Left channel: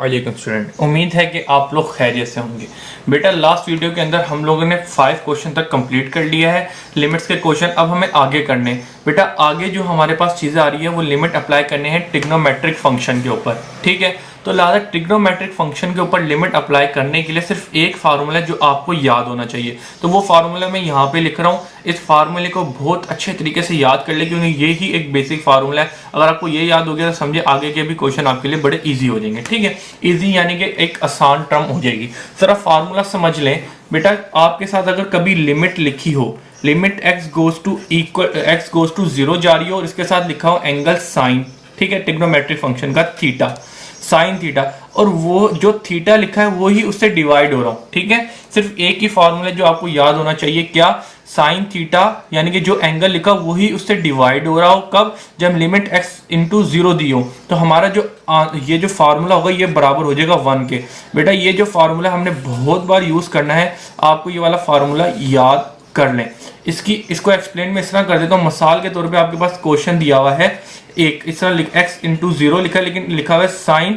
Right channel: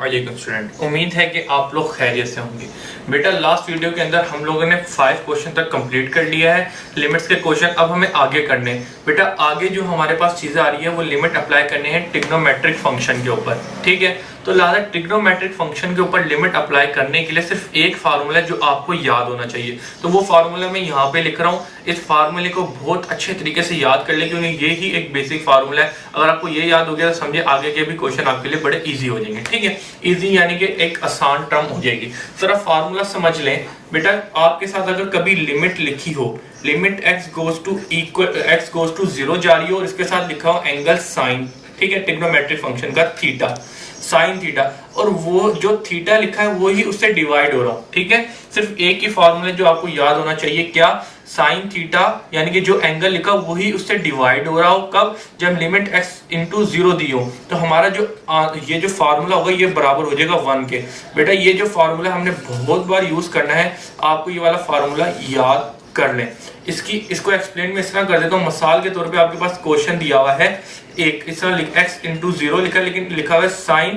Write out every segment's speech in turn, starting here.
अस्सलाम स्टूडेंट, उम्मीद है कि आप लोग खैरियत से होंगे। बेटा लास्ट वीडियो के अंदर हम लोगों ने 5 क्वेश्चन तक कंप्लीट कर लिया है लिमिट्स के क्वेश्चन। अब हमें आगे करने बेटा आगे जो हमारे पास चीजें आ रही है वो लिमिट अप्लाई करनी है ट्रिग्नोमेट्रिक फंक्शन के ऊपर, ठीक है। तो लिहाजा ट्रिग्नोमेट्रिक फंक्शन के ऊपर लिमिट अप्लाई करने के लिए सिर्फ एक फार्मूला है जो आपको याद होना चाहिए। तो वो फार्मूला मैं यहाँ पे लिख रहा हूँ। इस फार्मूले को बहुत अच्छे तरीके से याद कर ले क्योंकि ये ही एक बेसिक फार्मूला है। अगर आपको ये याद हो गया तो समझे आगे के भी क्वेश्चन आपके लिए बड़े इजी हो जाएंगे, ठीक है। इजी यानी कि एक आसान टर्म हो जाएगी। जरा फार्मूला समझ लें बेटा। आपके साथ अगर कभी लिमिट लिखी हो, लिमिट x गोज टू 0 जा रही हो और इसके साथ लिखा हो एंगल साइन, ठीक है, ट्रिग्नोमेट्रिक फंक्शन का थीटा, साइन थीटा, और वो जो थीटा लिखा है वो ही उससे डिवाइड हो रहा हूं, ठीक है। सिर्फ एक ही फॉर्मूला जो आपको याद होना चाहिए, क्या, साइन थीटा यानी कि जो एंगल लिखा वही उससे डिवाइड हो रहा हो। कब? जब लिमिट x इंटू 0 दी हो तो हमारा जो ये जो फार्मूला होगा ये बराबर हो जाएगा 1 के। बेटा ये जो फार्मूला हमने बहुत बार यूज करना है, आपको ये वाला फार्मूला याद कर लें। इसको एक्सप्लेन में इस तरह कर देता हूँ। मिसाल के तौर पे आपके पास क्वेश्चन दिया हुआ है एक, इस तरह x इंटू 0 लिखा है लेकिन लिखा हुआ है साइन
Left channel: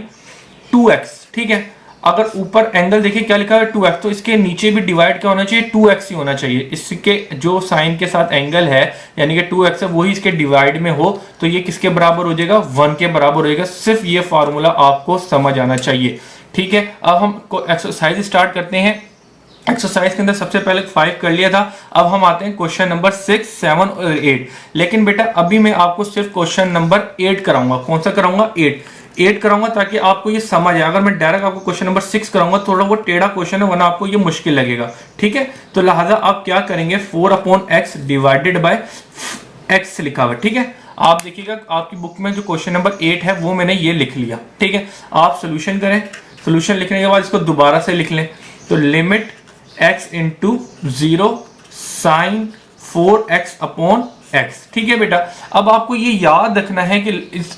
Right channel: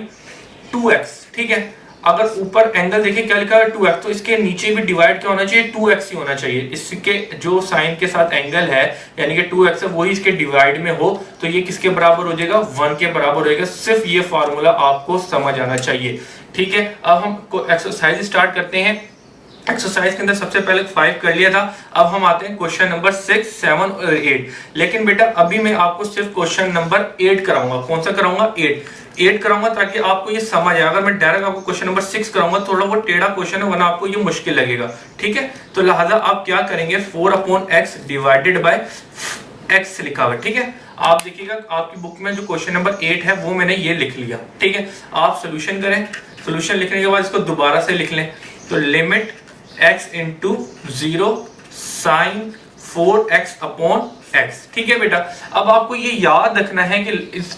2x, ठीक है। अगर ऊपर एंगल देखिए क्या लिखा है 2x, तो इसके नीचे भी डिवाइड क्या होना चाहिए, 2x ही होना चाहिए। इसके जो साइन के साथ एंगल है यानी कि 2x है वही इसके डिवाइड में हो तो ये किसके बराबर हो जाएगा, 1 के बराबर हो जाएगा। सिर्फ ये फार्मूला आपको समझ आना चाहिए, ठीक है। अब हम एक्सरसाइज स्टार्ट करते हैं। एक्सरसाइज के अंदर सबसे पहले 5 कर लिया था। अब हम आते हैं क्वेश्चन नंबर 6, 7 और 8। लेकिन बेटा अभी मैं आपको सिर्फ क्वेश्चन नंबर 8 कराऊंगा। कौन सा कराऊंगा? 8 कराऊंगा ताकि आपको ये समझ आए। अगर मैं डायरेक्ट आपको क्वेश्चन नंबर 6 कराऊंगा थोड़ा वो टेढ़ा क्वेश्चन है, वरना आपको ये मुश्किल लगेगा, ठीक है। तो लिहाजा आप क्या करेंगे, 4/x डिवाइडेड बाय x लिखा हुआ, ठीक है। आप देखिएगा आपकी बुक में जो क्वेश्चन नंबर 8 है वो मैंने ये लिख लिया, ठीक है। आप सोल्यूशन करें, सोल्यूशन लिखने के बाद इसको दोबारा से लिख लें। तो limit x into 0 sine 4x upon x, ठीक है बेटा। अब आपको ये याद रखना है कि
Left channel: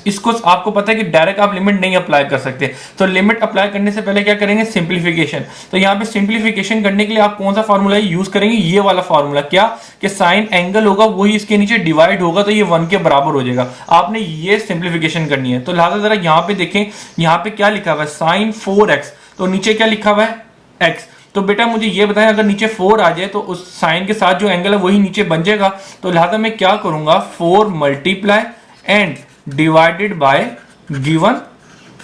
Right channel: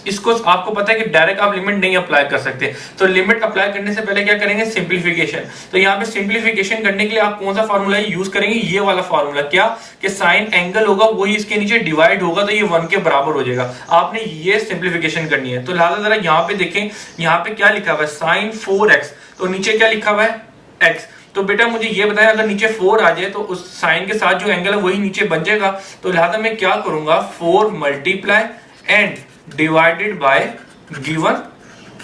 इसको आपको पता है कि डायरेक्ट आप लिमिट नहीं अप्लाई कर सकते। तो लिमिट अप्लाई करने से पहले क्या करेंगे, सिंप्लीफिकेशन। तो यहाँ पे सिंप्लीफिकेशन करने के लिए आप कौन सा फार्मूला यूज करेंगे, ये वाला फार्मूला, क्या कि साइन एंगल होगा वही इसके नीचे डिवाइड होगा तो ये 1 के बराबर हो जाएगा। आपने ये सिंप्लीफिकेशन करनी है। तो लिहाजा जरा यहाँ पे देखें, यहाँ पे क्या लिखा हुआ है, साइन 4x, तो नीचे क्या लिखा हुआ है, x। तो बेटा मुझे ये बताएं अगर नीचे 4 आ जाए तो उस साइन के साथ जो एंगल है वही नीचे बन जाएगा। तो लिहाजा मैं क्या करूंगा, 4 multiply and divided by given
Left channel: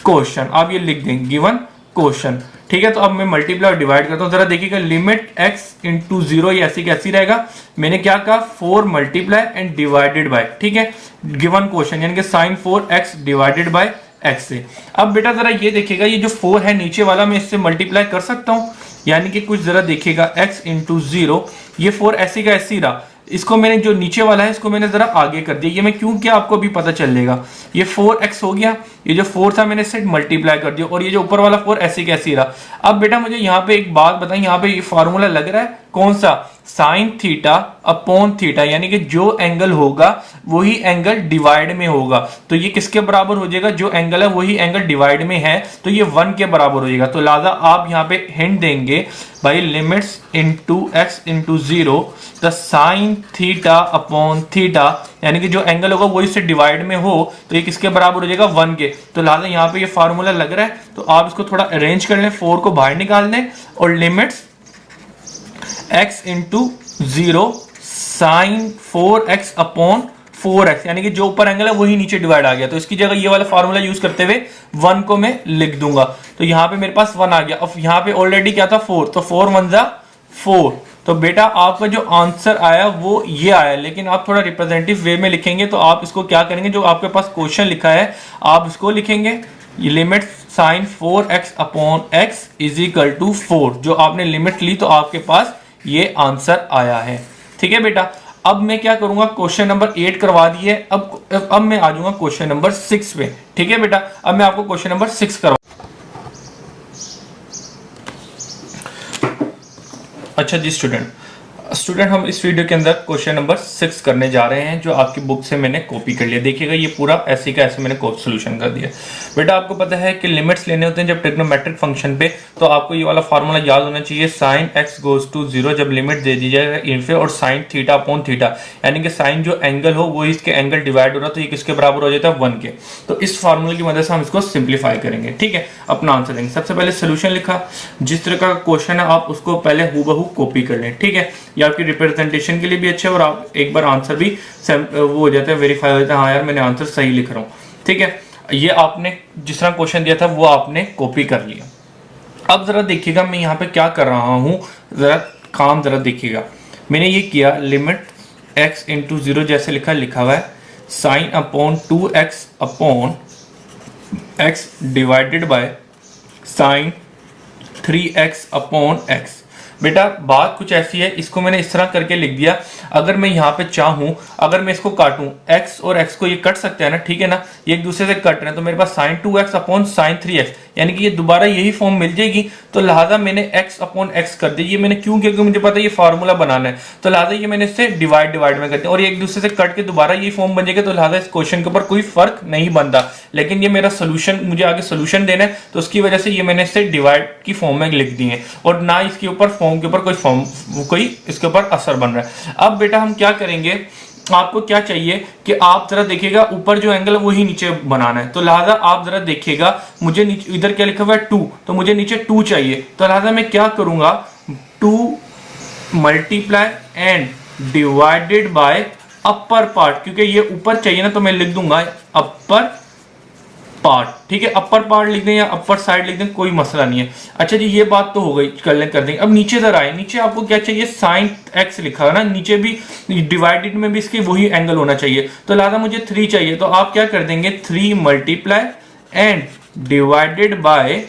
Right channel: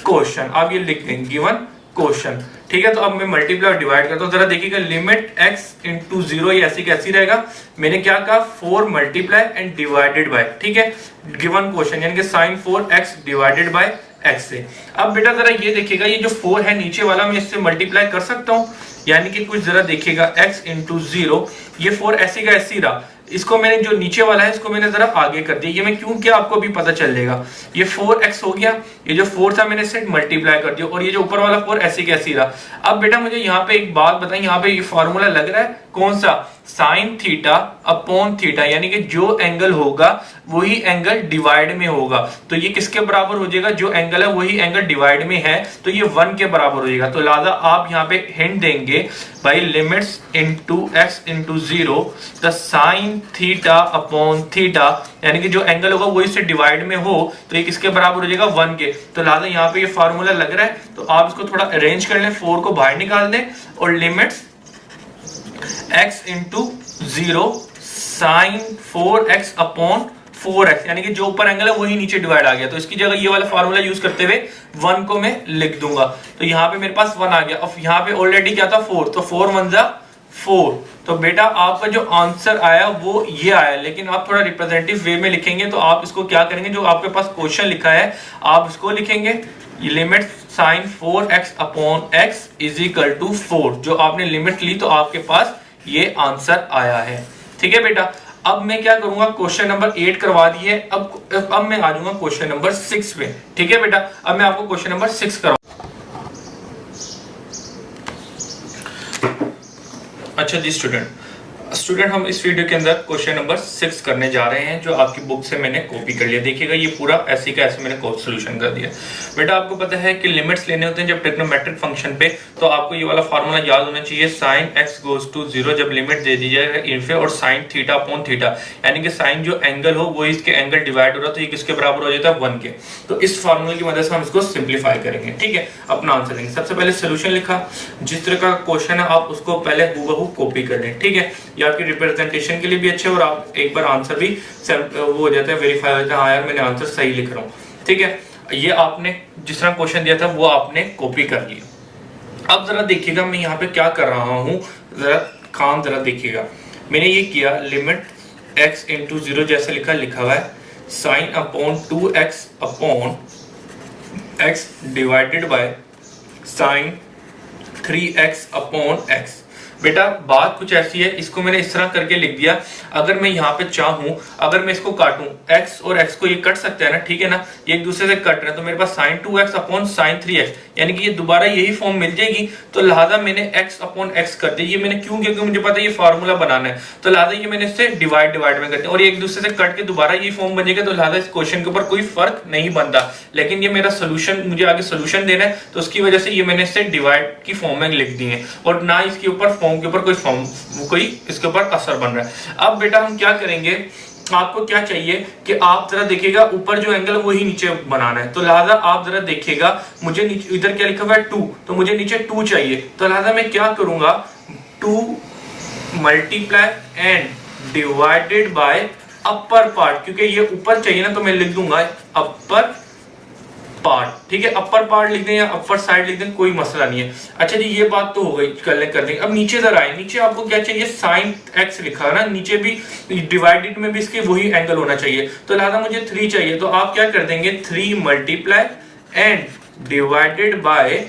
question. आप ये लिख दें गिवन क्वेश्चन, ठीक है। तो अब मैं मल्टीप्लाई और डिवाइड करता हूं। जरा देखिएगा लिमिट x इंटू 0 ये ऐसी कैसी रहेगा। मैंने क्या कहा, 4 मल्टीप्लाई एंड डिवाइडेड बाय, ठीक है, गिवन क्वेश्चन यानी कि sign 4x divided by x से। अब बेटा जरा ये देखिएगा ये जो 4 है नीचे वाला मैं इससे मल्टीप्लाई कर सकता हूं, यानी कि कुछ जरा देखिएगा x इंटू 0, ये 4 ऐसी का ऐसी रहा। इसको मैंने जो नीचे वाला है इसको मैंने जरा आगे कर दिया। ये मैं क्यों किया आपको अभी पता चल जाएगा। ये 4x हो गया, ये जो 4 था मैंने सिर्फ मल्टीप्लाई कर दिया और ये जो ऊपर वाला 4 ऐसी कैसी रहा। अब बेटा मुझे यहाँ पे एक बात बताएं, यहाँ पे ये फॉर्मूला लग रहा है कौन सा, साइन थीटा अपॉन थीटा, यानी कि जो एंगल होगा वही एंगल डिवाइड में होगा। तो ये किसके बराबर हो जाएगा, जो एंगल है वही एंगल डिवाइड में है तो ये 1 के बराबर हो जाएगा। तो लिहाजा आप यहाँ पे हिंट देंगे भाई limits into x into 0 the sign theta upon theta, यानी कि जो एंगल होगा वही से डिवाइड में हो तो ये किसके बराबर हो जाएगा, 1 के। तो लिहाजा यहाँ पे ये फार्मूला लग रहा है। तो आप इसको थोड़ा अरेंज कर लें, 4 को बाहर निकाल दें और limits x into 0 sine 4x upon 4x, यानी कि जो ऊपर एंगल है वही नीचे डिवाइड आ गया। तो इसकी जगह ये वाला फार्मूला यूज करते हुए 1 को मैं लिख दूंगा। तो यहाँ पे मेरे पास 1 आ गया। अब यहाँ पे ऑलरेडी क्या था 4, तो 4 1 जा 4। तो बेटा आपका जो आंसर आया वो ये आया। लेकिन आप थोड़ा रिप्रेजेंटेटिव वे में लिखेंगे तो आप इसको क्या करेंगे, जो आपके पास क्वेश्चन लिखा है आप इसको लिखेंगे limit sine 4x upon x is equal to 4। जो आपने लिमिट ली तो आपके पास ये आंसर आया है, ठीक है बेटा। अब मैं क्या करूंगा, क्वेश्चन नंबर 8 करवा दिए। अब मैं आ जाऊंगा क्वेश्चन नंबर 6 पे, ठीक है बेटा। अब मैं आपको क्वेश्चन नंबर 6 करवा। अच्छा जी स्टूडेंट, स्टूडेंट हम इस वीडियो के अंदर क्वेश्चन नंबर 6 करने जा रहे हैं, जो आपकी बुक से मैंने कॉपी कर लिया। देखिएगा ये पूरा ऐसे का ऐसे मैंने सोल्यूशन कर दिया। बेटा आपको पता है कि लिमिट्स लेने होते हैं जब ट्रिग्नोमेट्रिक फंक्शन पे, तो आपको ये वाला फॉर्मूला याद होना चाहिए। साइन एक्स गोज टू 0 जब लिमिट दे दी जाए इनफे और साइन थीटा अपॉन थीटा, यानी कि साइन जो एंगल हो वो इसके एंगल डिवाइड हो रहा, तो ये किसके बराबर हो जाता है 1 के। तो इस फॉर्मूले की मदद से हम इसको सिंप्लीफाई करेंगे। ठीक है, अपना आंसर देंगे। सबसे पहले सोल्यूशन लिखा, जिस तरह का क्वेश्चन है आप उसको पहले हूबहू कॉपी कर लें। ठीक है, ये आपकी रिप्रेजेंटेशन के लिए भी अच्छा है और आप एक बार आंसर भी वो हो जाता है, वेरीफाई हो जाता है, हाँ यार मैंने आंसर सही लिख रहा हूँ। ठीक है, ये आपने जिस तरह क्वेश्चन दिया था वो आपने कॉपी कर लिया। अब जरा देखिएगा मैं यहाँ पे क्या कर रहा हूं, जरा काम जरा देखिएगा। मैंने ये किया लिमिट x इंटू 0 जैसे लिखा हुआ है sine upon 2x upon x divided by sine 3x upon x। बेटा बात कुछ ऐसी है, इसको मैंने इस तरह करके लिख दिया। अगर मैं यहाँ पे चाहूं, अगर मैं इसको काटूं, x और x को ये कट सकते हैं ना, ठीक है ना, ये एक दूसरे से कट रहे हैं, तो मेरे पास sign 2x upon sine 3x, यानी कि ये दोबारा यही फॉर्म मिल जाएगी। तो लिहाजा मैंने x अपॉन x कर दी। ये मैंने क्यों, क्योंकि मुझे पता है ये फार्मूला बनाना है, तो लिहाजा ये मैंने इससे डिवाइड में करते हैं और ये एक दूसरे से कट के दोबारा यही फॉर्म बनेगा। तो लिहाजा इस क्वेश्चन के ऊपर कोई फर्क नहीं बनता, लेकिन ये मेरा सोल्यूशन, मुझे आगे सोल्यूशन देना है, तो उसकी वजह से ये मैंने इससे डिवाइड की फॉर्म में लिख दी है और ना इसके ऊपर फॉर्म के ऊपर कोई इसके ऊपर असर बन रहा है। अब बेटा हम क्या करेंगे, आपको क्या चाहिए कि आप जरा देखिएगा ऊपर जो एंगल है वही नीचे बनाना है। तो लिहाजा आप जरा देखिएगा, मुझे इधर क्या लिखा हुआ है 2, तो मुझे नीचे 2 चाहिए। तो लिहाजा मैं क्या करूंगा, 2 multiply and divided by upper part, क्योंकि ये ऊपर चाहिए ना, तो मैं लिख दूंगा अपर पार्ट। ठीक है, अपर पार्ट लिख दें या अपर साइड लिख दें, कोई मसला नहीं है। अच्छा जी, ये बात तो हो गई, कर देंगे। अब नीचे जरा आए, नीचे आपको क्या चाहिए, साइन एक्स लिखा है ना, नीचे भी डिवाइडेड में भी इसके वही एंगल होना चाहिए। तो लिहाजा मुझे 3 चाहिए, तो आप क्या कर देंगे, 3 multiply and divided by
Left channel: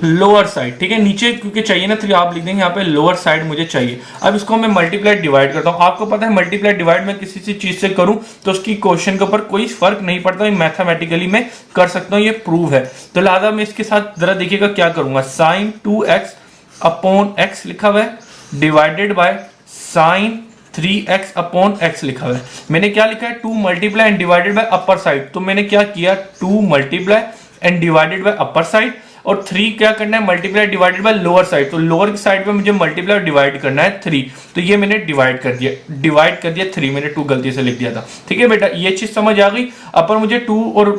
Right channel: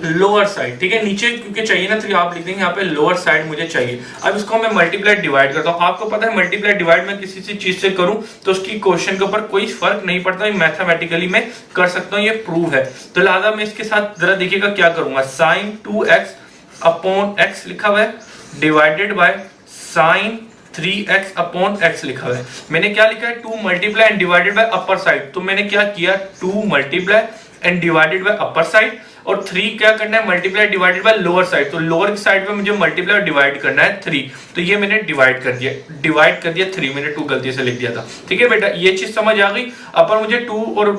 lower side. ठीक है, नीचे क्योंकि चाहिए ना 3, आप लिख देंगे यहाँ पे लोअर साइड मुझे चाहिए। अब इसको मैं मल्टीप्लाई डिवाइड करता हूँ। आपको पता है मल्टीप्लाई डिवाइड में किसी सी चीज से करूं तो उसकी क्वेश्चन के ऊपर कोई फर्क नहीं पड़ता, मैथमेटिकली मैं कर सकता हूँ, ये प्रूव है। तो लिहाजा मैं इसके साथ जरा देखिएगा क्या करूंगा, साइन 2x अपॉन x लिखा हुआ है divided by sine 3x upon x लिखा हुआ है। मैंने क्या लिखा है, 2 multiply and divided by upper side, तो मैंने क्या किया, 2 multiply and divided by upper side और 3 क्या करना है, multiply divided by lower side. तो लोअर की साइड पे मुझे मल्टीप्लाई डिवाइड करना है 3, तो ये मैंने डिवाइड कर दिया 3, मैंने 2 गलती से लिख दिया था। ठीक है बेटा, ये चीज समझ आ गई। अपर मुझे 2 और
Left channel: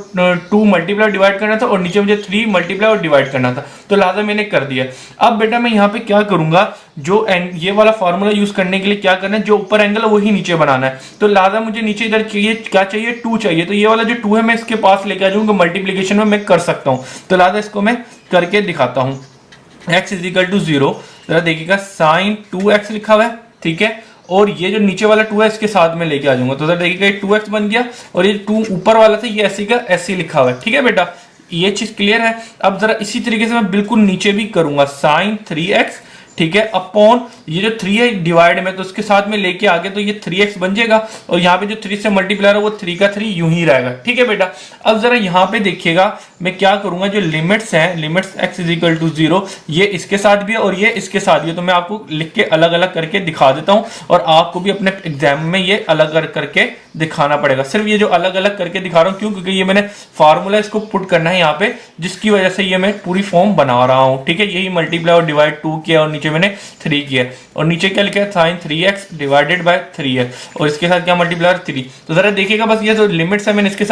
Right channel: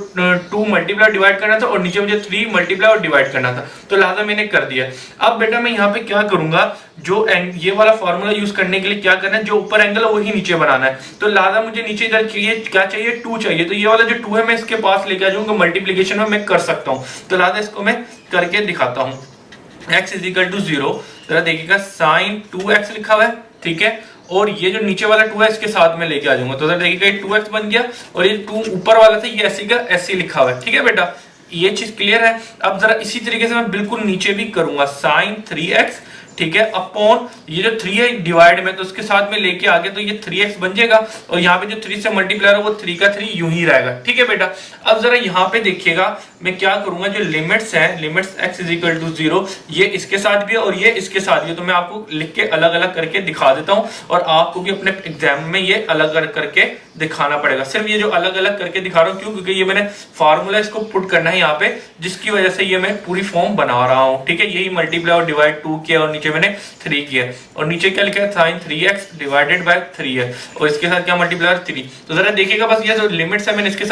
2 मल्टीप्लाई डिवाइड करना था और नीचे मुझे 3 मल्टीप्लाई और डिवाइड करना था, तो लिहाजा मैंने कर दिया। अब बेटा मैं यहाँ पे क्या करूंगा, जो ये वाला फॉर्मूला यूज करने के लिए क्या करना है, जो ऊपर एंगल है वही नीचे बनाना है। तो लिहाजा मुझे नीचे इधर चाहिए, क्या चाहिए, 2 चाहिए। तो ये वाला जो 2 है मैं इसके पास लेके आ जाऊंगा, मल्टीप्लीकेशन में मैं कर सकता हूं। तो लिहाजा इसको मैं करके दिखाता हूं। x इज इक्वल टू 0, जरा देखिएगा साइन 2x लिखा हुआ है, ठीक है, और ये जो नीचे वाला 2 है इसके साथ में लेके आ जाऊंगा। तो जरा देखिएगा 2x बन गया और ये 2 ऊपर वाला था, ये ऐसे का ऐसे लिखा हुआ है। ठीक है बेटा, ये चीज क्लियर है। अब जरा इसी तरीके से मैं बिल्कुल नीचे भी करूंगा, साइन 3x, ठीक है, अपॉन ये जो 3 है डिवाइड में, तो उसके साथ में लेके आगे तो ये 3x बन जाएगा और यहाँ पे जो 3 से मल्टीप्लाई है वो 3 का 3 यूं ही रहेगा। ठीक है बेटा, अब जरा यहाँ पे देखिएगा मैं क्या करूंगा, जो लिमिट्स हैं, limits x is equal to 0, ये इसके साथ भी है और ये इसके साथ भी है। तो मैं आपको लिख के अलग अलग करके दिखा देता हूँ और आपको भी अपने एग्जाम में ये अलग अलग करके दिखाना पड़ेगा। सिर्फ ये जो अलग अलग करके दिखा रहा हूँ क्यों, क्योंकि ये मैंने फार्मूला इसको पुट करना है यहाँ पे, जिसकी वजह से ये मैं पूरी फॉर्म बना रहा हूँ। ठीक है, यही मल्टीप्लाई और डिवाइड 2 किया और नीचे मैंने 3 किया और नीचे क्या लिखा है, साइन 3x डिवाइडेड बाय 3 है और इसके साथ क्या मल्टीप्लाई 3। तो जरा देखिएगा, बस ये जो लिमिट्स है मैंने इसके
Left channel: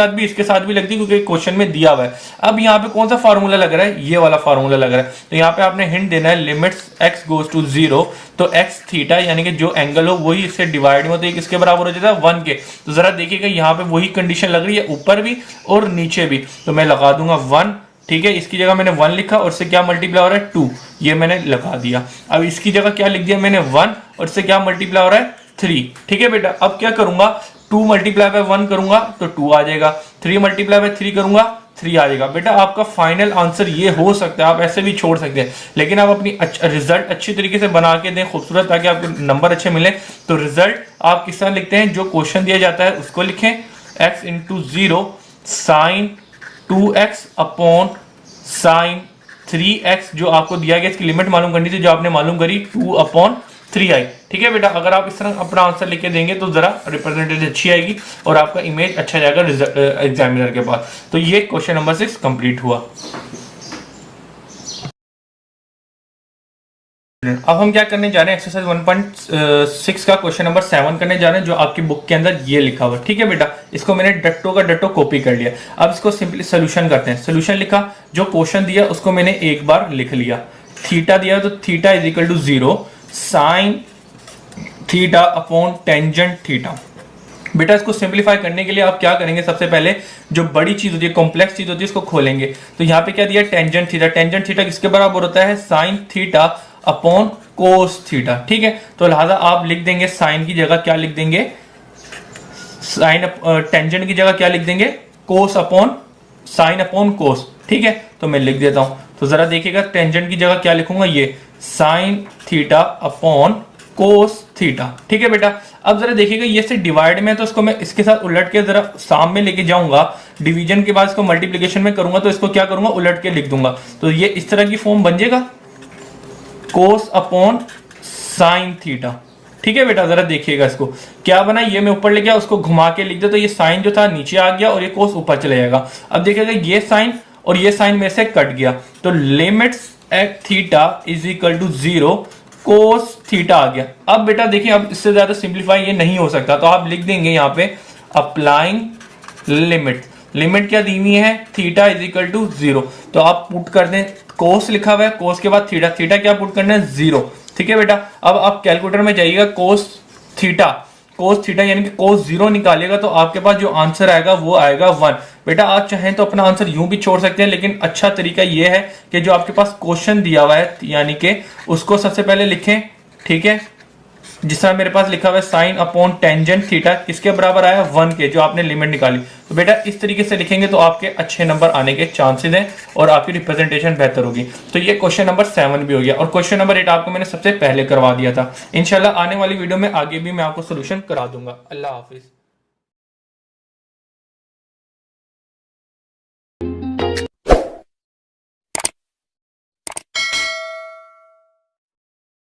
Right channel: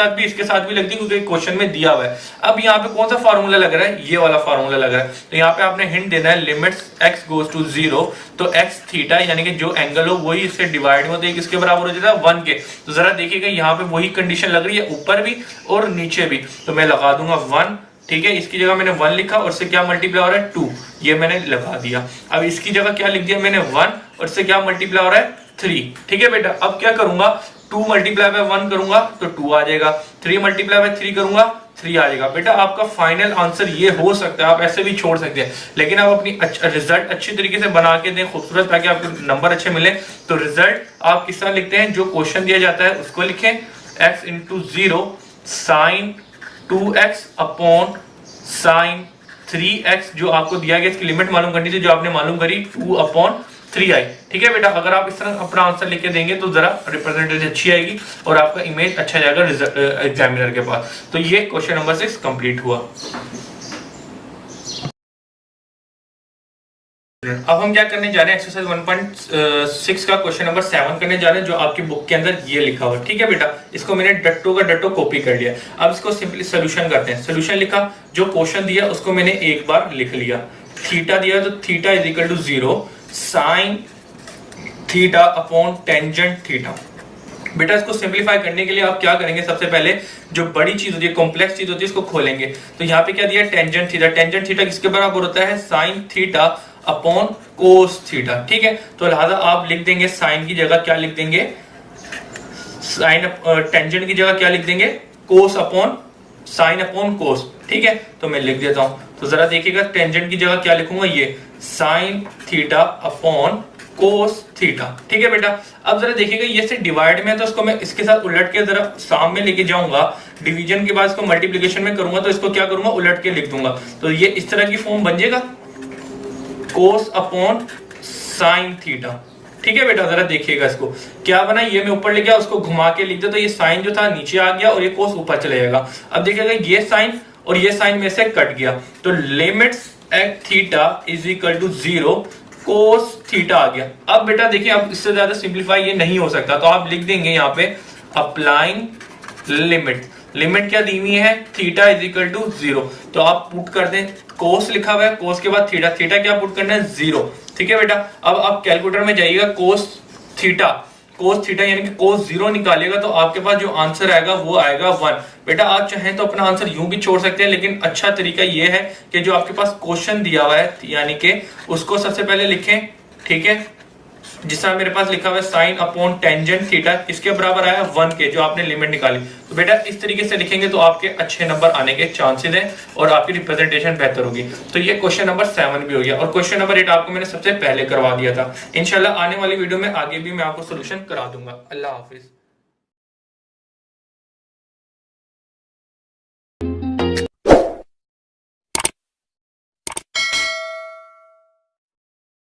साथ भी लग दी क्योंकि क्वेश्चन में दिया हुआ है। अब यहाँ पे कौन सा फार्मूला लग रहा है, ये वाला फार्मूला लग रहा है। तो यहाँ पे आपने हिंट देना है, लिमिट्स x गोज टू 0, तो x थीटा यानी कि जो एंगल हो वही इससे डिवाइड में, तो किसके बराबर हो जाता है, 1 के। तो जरा देखिएगा यहाँ पे वही कंडीशन लग रही है, ऊपर भी और नीचे भी, तो मैं लगा दूंगा 1। ठीक है, इसकी जगह मैंने 1 लिखा और इससे क्या मल्टीप्लाई हो रहा है, 2, ये मैंने लगा दिया। अब इसकी जगह क्या लिख दिया मैंने, 1, और इससे क्या मल्टीप्लाई हो रहा है, 3। ठीक है बेटा, अब क्या करूंगा, 2 मल्टीप्लाई बाय 1 करूंगा तो 2 आ जाएगा, 3 मल्टीप्लाई बाय 3 करूंगा 3 आ जाएगा। बेटा आपका फाइनल आंसर ये हो सकता है, आप ऐसे भी छोड़ सकते हैं, लेकिन आप अपनी रिजल्ट अच्छी तरीके से बना के दें खूबसूरत, ताकि आपके नंबर अच्छे मिले। तो रिजल्ट आप किस तरह लिखते हैं, जो क्वेश्चन दिया जाता है उसको लिखें, x into 0 sine 2x upon sine 3x, जो आपको दिया गया, इसकी लिमिट मालूम करनी थी, जो आपने मालूम करी 2 अपॉन 3i। ठीक है बेटा, अगर आप इस तरह अपना आंसर लिख के देंगे तो जरा रिप्रेजेंटेशन अच्छी आएगी और आपका इमेज अच्छा जाएगा एग्जामिनर के पास। तो ये क्वेश्चन नंबर 6 कंप्लीट हुआ। अब हम क्या करने जा रहे हैं, एक्सरसाइज 1.6 का क्वेश्चन नंबर 7 करने जा रहे हैं, जो आपकी बुक के अंदर ये लिखा हुआ है। ठीक है बेटा, इसको मैंने डट्टो का डट्टो कॉपी कर लिया। अब इसको सिंपली सोल्यूशन करते हैं। सोल्यूशन लिखा, जो क्वेश्चन दिया उसको मैंने एक बार लिख लिया। थीटा दिया तो theta is equal to 0 sine theta upon tangent theta. बेटा इसको सिंप्लीफाई करने के लिए आप क्या करेंगे, सबसे पहले जो बड़ी चीज होती है, कॉम्प्लेक्स चीज होती है, उसको खोलेंगे। तो यहाँ पे क्या दिया, टेंजेंट थीटा। टेंजेंट थीटा किसके बराबर होता है, sign theta upon cos theta. ठीक है, तो लिहाजा आप लिख देंगे साइन की जगह क्या लिख देंगे, साइन टेंजेंट की जगह क्या लिख देंगे, कोस अपॉन साइन अपॉन कोस। ठीक है, तो मैं लिख देता हूं। तो जरा देखिएगा, टेंजेंट की जगह क्या लिखूंगा, ये sign theta upon cos theta. ठीक है बेटा, अब जरा देखिएगा, ये से डिवाइड में है तो इसको मैं इसके साथ उलट के जरा सामने लेके जाऊंगा। डिवीजन के बाद इसको मल्टीप्लिकेशन में करूंगा तो इसको क्या करूंगा, उलट के लिख दूंगा। तो ये इस तरह की फॉर्म बन जाएगा, कोस अपॉन साइन थीटा। ठीक है बेटा, जरा देखिएगा इसको क्या बना, ये मैं ऊपर ले गया, उसको घुमा के लिख दे तो ये साइन जो था नीचे आ गया और ये कोस ऊपर चले जाएगा। अब देखिएगा, ये साइन और ये साइन में से कट गया, तो limits at theta is equal to 0 cos theta आ गया। अब बेटा देखिए, अब इससे ज्यादा सिंप्लीफाई ये नहीं हो सकता, तो आप लिख देंगे यहाँ पे अप्लाइंग लिमिट। लिमिट क्या दी हुई है, थीटा इज इक्वल टू 0। तो आप पुट कर दें, कोस लिखा हुआ है, कोस के बाद थीटा, थीटा क्या पुट करना है, 0। ठीक है बेटा, अब आप कैलकुलेटर में जाइएगा, कोस थीटा यानी कि कोस 0 निकालेगा तो आपके पास जो आंसर आएगा वो आएगा 1। बेटा आप चाहें तो अपना आंसर यूं भी छोड़ सकते हैं, लेकिन अच्छा तरीका ये है कि जो आपके पास क्वेश्चन दिया हुआ है यानी कि उसको सबसे पहले लिखें। ठीक है, जिस तरह मेरे पास लिखा हुआ है साइन अपॉन टेंजेंट थीटा किसके बराबर आया, 1 के, जो आपने लिमिट निकाली। तो बेटा इस तरीके से लिखेंगे तो आपके अच्छे नंबर आने के चांसेस हैं और आपकी रिप्रेजेंटेशन बेहतर होगी। तो ये क्वेश्चन नंबर 7 भी हो गया और क्वेश्चन नंबर 8 आपको मैंने सबसे पहले करवा दिया था। इंशाल्लाह आने वाली वीडियो में आगे भी मैं आपको सोल्यूशन करा दूंगा। अल्लाह हाफिज।